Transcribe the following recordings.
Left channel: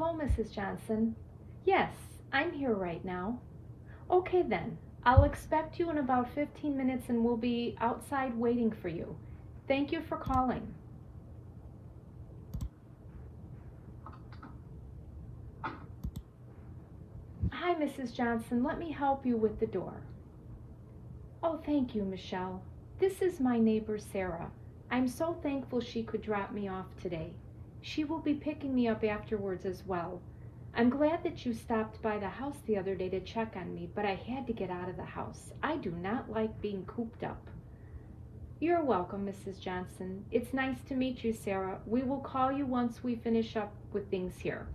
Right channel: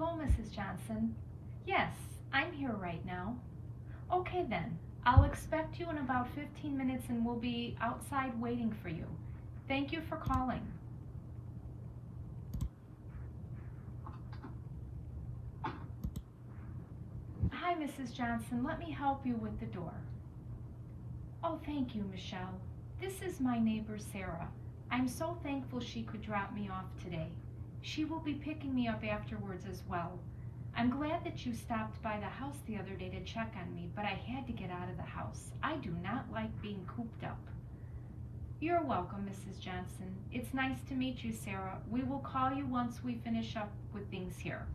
Hello, Mrs. Johnson. Yes, I'm here right now. Okay then, I'll expect you in about 15 minutes and we'll be outside waiting for you. Thank you for calling. Hi, Mrs. Johnson. Let me help you with the door. Oh, thank you, Michelle. This is my neighbor, Sarah. I'm so thankful she could drop me off today. She will be picking me up afterwards as well. I'm glad that you stopped by the house the other day to check on me, but I had to get out of the house. I do not like being cooped up. You're welcome, Mrs. Johnson. It's nice to meet you, Sarah. We will call you once we finish up with things here.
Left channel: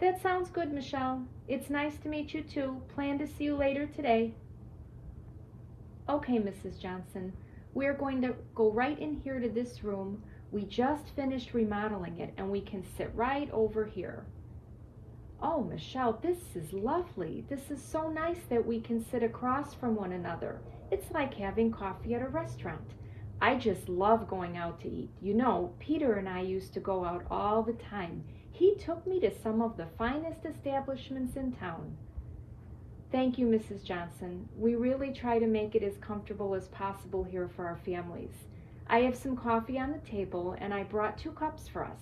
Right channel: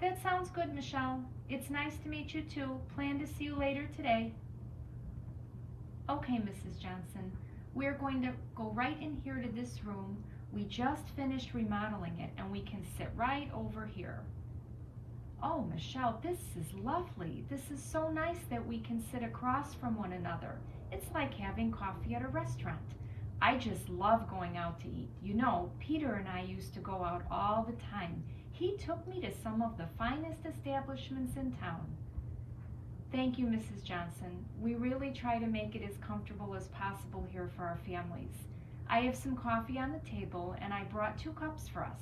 That sounds good, Michelle. It's nice to meet you too. Plan to see you later today. Okay, Mrs. Johnson. We're going to go right in here to this room. We just finished remodeling it and we can sit right over here. Oh, Michelle, this is lovely. This is so nice that we can sit across from one another. It's like having coffee at a restaurant. I just love going out to eat. You know, Peter and I used to go out all the time. He took me to some of the finest establishments in town. Thank you, Mrs. Johnson. We really try to make it as comfortable as possible here for our families. I have some coffee on the table and I brought 2 cups for us.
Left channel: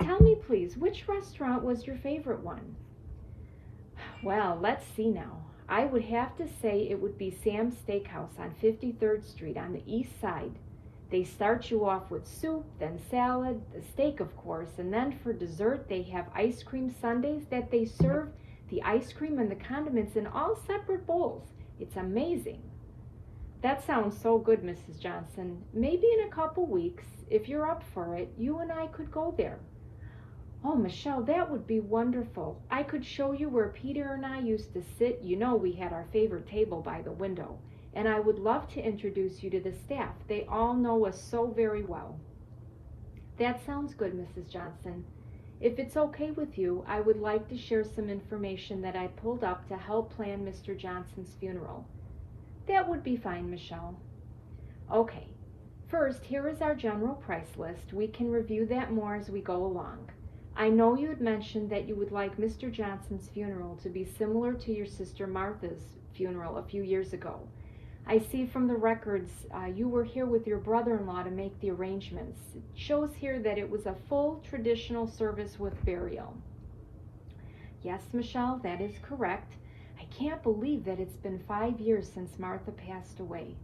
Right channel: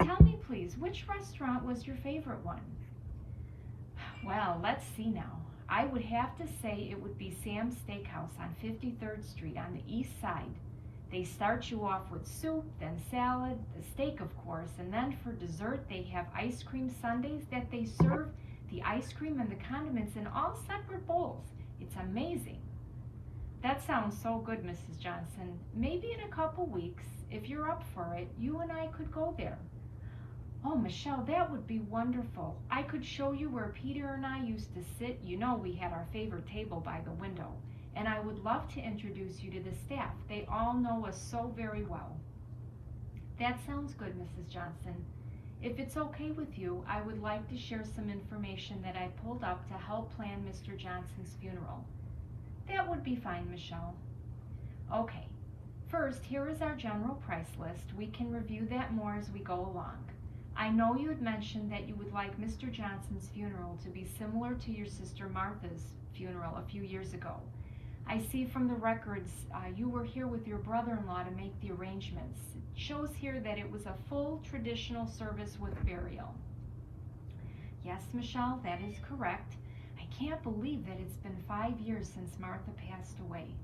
Tell me, please, which restaurant was your favorite one? Well, let's see now. I would have to say it would be Sam's Steakhouse on 53rd Street on the east side. They start you off with soup, then salad, the steak of course, and then for dessert they have ice cream sundaes that they serve the ice cream and the condiments in all separate bowls. It's amazing. That sounds so good, Mrs. Johnson. Maybe in a couple weeks, if you're up for it, you and I could go there. Oh, Michelle, that would be wonderful. I could show you where Peter and I used to sit. You know we had our favorite table by the window. And I would love to introduce you to the staff. They all know us so very well. That sounds good, Mrs. Johnson. If it's okay with you, I would like to share some information that I pulled up to help plan Mr. Johnson's funeral. That would be fine, Michelle. Okay. First, here is our general price list. We can review that more as we go along. I know you had mentioned that you would like Mr. Johnson's funeral to be similar to your sister Martha's funeral a few years ago. I see from the records you were here with your brother-in-law to make the arrangements. It shows here that it was a full traditional service with burial. Yes, Michelle, that is correct. I can't believe that it's been 5 years since Martha passed away.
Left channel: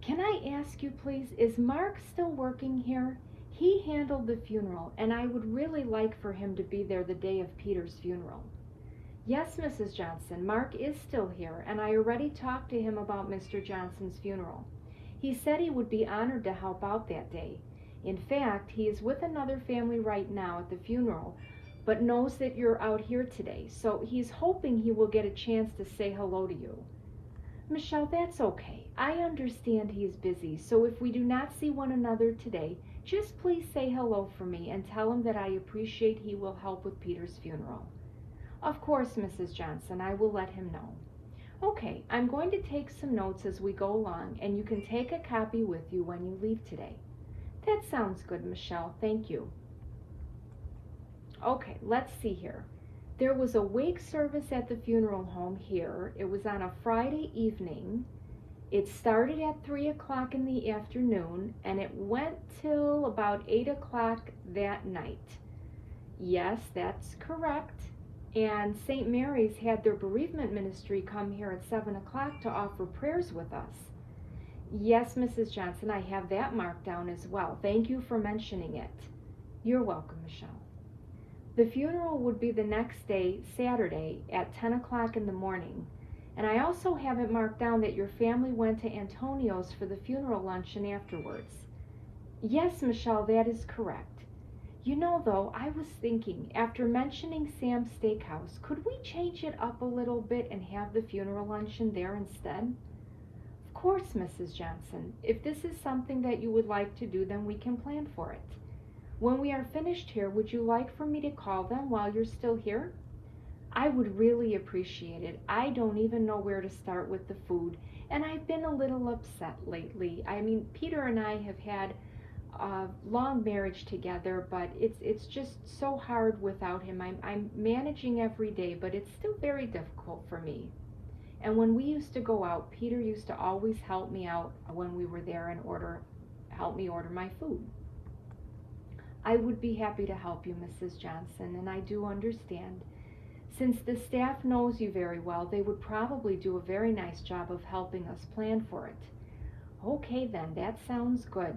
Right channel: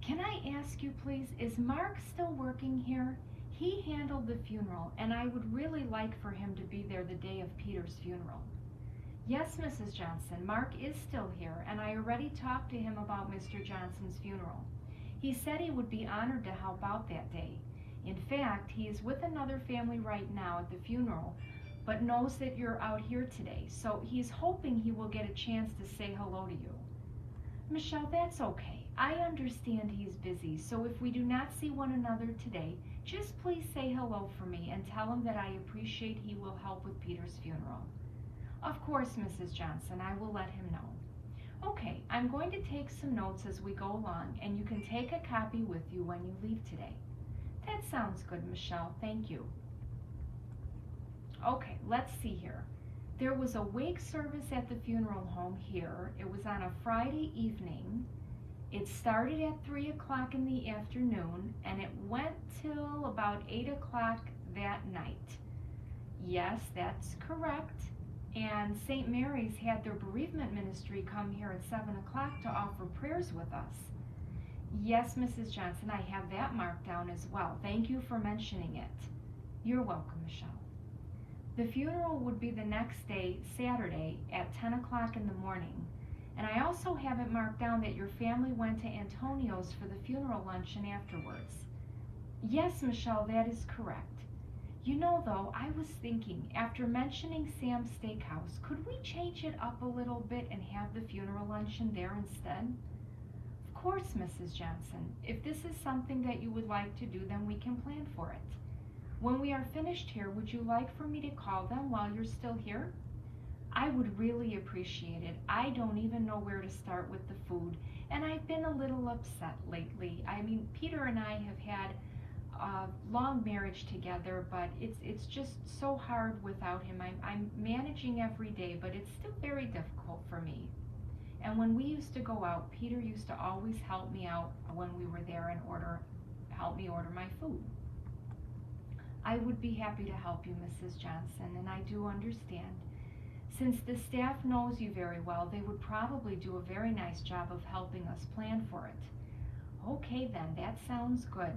Can I ask you, please, is Mark still working here? He handled the funeral, and I would really like for him to be there the day of Peter's funeral. Yes, Mrs. Johnson, Mark is still here, and I already talked to him about Mr. Johnson's funeral. He said he would be honored to help out that day. In fact, he is with another family right now at the funeral, but knows that you're out here today, so he's hoping he will get a chance to say hello to you. Michelle, that's okay. I understand he's busy, so if we do not see one another today, just please say hello for me and tell him that I appreciate he will help with Peter's funeral. Of course, Mrs. Johnson, I will let him know. Okay, I'm going to take some notes as we go along, and you can take a copy with you when you leave today. That sounds good, Michelle. Thank you. Okay, let's see here. There was a wake service at the funeral home here. It was on a Friday evening. It started at 3 o'clock in the afternoon, and it went till about 8 o'clock that night. Yes, that's correct. And St. Mary's had their bereavement ministry come here at 7 o'clock to offer prayers with us. Yes, Mrs. Johnson, I have that marked down as well. Thank you for mentioning it. You're welcome, Michelle. The funeral would be the next day, Saturday, at 10 o'clock in the morning. And I also have it marked down that your family went to Antonio's for the funeral luncheon afterwards. Yes, Michelle, that is correct. You know, though, I was thinking, after mentioning Sam's Steakhouse, could we change it up a little bit and have the funeral luncheon there instead? Of course, Mrs. Johnson. If this is something that you would like to do, then we can plan for it. When we are finished here, would you like for me to call them while you're still here? I would really appreciate it. I don't even know where to start with the food, and I've been a little upset lately. I mean, Peter and I have had long marriage together, but it's just so hard without him. I'm managing every day, but it's still very difficult for me. And when we used to go out, Peter used to always help me out when we were there and help me order my food. I would be happy to help you, Mrs. Johnson, and I do understand. Since the staff knows you very well, they would probably do a very nice job of helping us plan for it. Okay then, that sounds good.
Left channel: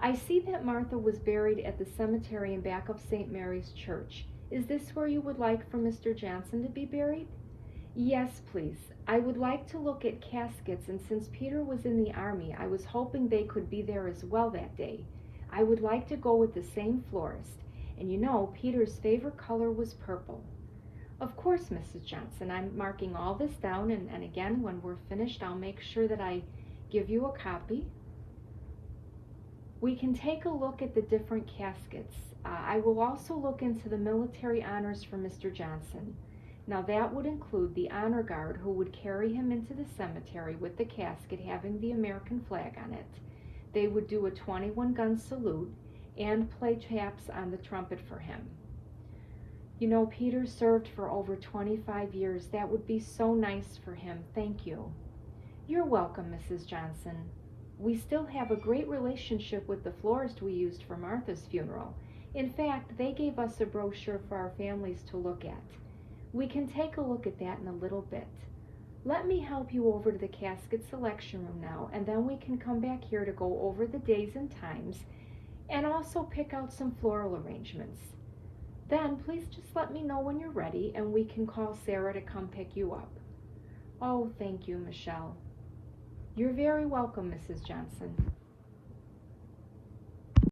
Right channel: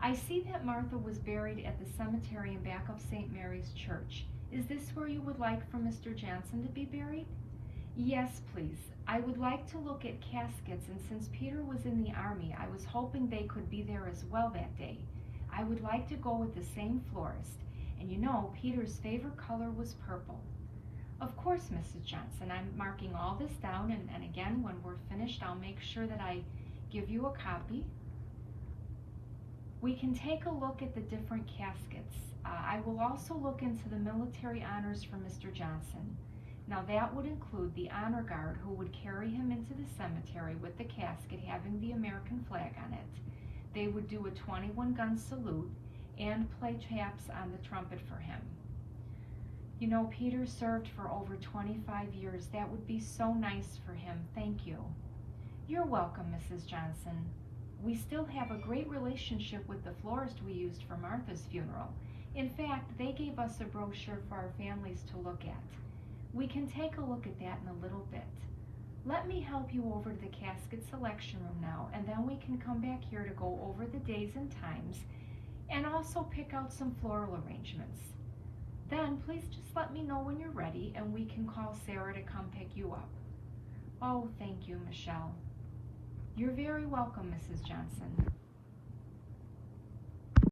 I see that Martha was buried at the cemetery in back of St. Mary's Church. Is this where you would like for Mr. Johnson to be buried? Yes, please. I would like to look at caskets, and since Peter was in the army, I was hoping they could be there as well that day. I would like to go with the same florist, and you know, Peter's favorite color was purple. Of course, Mrs. Johnson, I'm marking all this down, and again, when we're finished, I'll make sure that I give you a copy. We can take a look at the different caskets. I will also look into the military honors for Mr. Johnson. Now that would include the honor guard who would carry him into the cemetery with the casket having the American flag on it. They would do a 21-gun salute and play taps on the trumpet for him. You know, Peter served for over 25 years. That would be so nice for him. Thank you. You're welcome, Mrs. Johnson. We still have a great relationship with the florist we used for Martha's funeral. In fact, they gave us a brochure for our families to look at. We can take a look at that in a little bit. Let me help you over to the casket selection room now, and then we can come back here to go over the days and times and also pick out some floral arrangements. Then please just let me know when you're ready and we can call Sarah to come pick you up. Oh, thank you, Michelle. You're very welcome, Mrs. Johnson.